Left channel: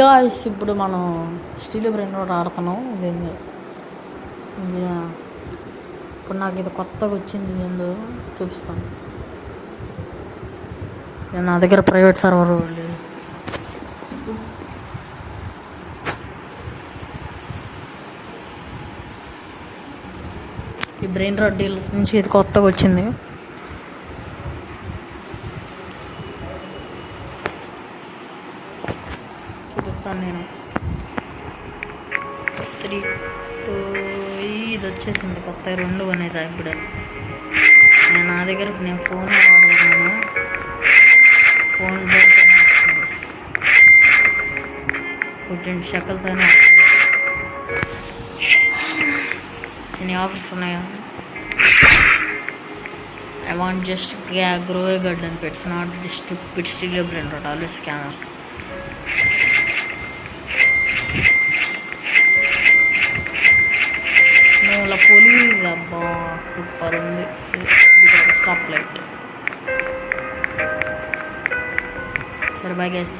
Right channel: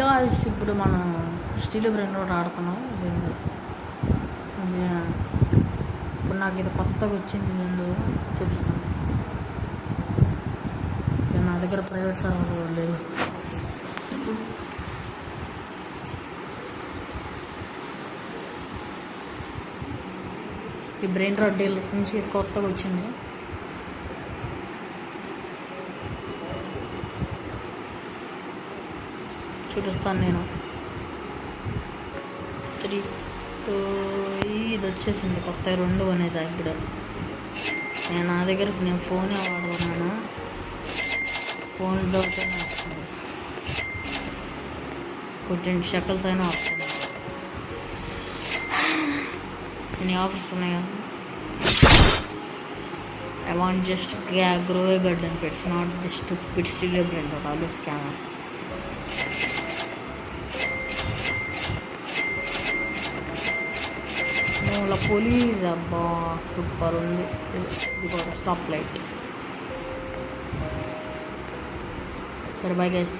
Guys ఇప్పుడు మనం steel brain road ఆడుతున్నాం. దీన్ని ఇప్పుడు నాకు ఇది కొత్తగా వచ్చింది. ఏందో చూపిస్తాను. నా దగ్గర ప్రైవేట్ సర్వర్ లేదు. ఈ బ్రెయిన్ రోడ్ డీల్ నుంచి ఇది కొత్తగా వచ్చింది. చూపిస్తాను నేను. 3 2 ఇది వచ్చేసింది. కొత్త 2 అనేసి ఇప్పుడు నా దగ్గర నేను ఫోనే వాడుతున్నాను. ఫోన్ దొరికితేనే వస్తుంది. కొంచెం షకల్స్ అయినా వస్తుంది. ఎన్ని ఆఫర్స్ ఉన్నాయా? I want just grow a garden pets, not this stupid steel brand road, always scammers. No, la police abba super undi. Because stop light. Sir, bye guys.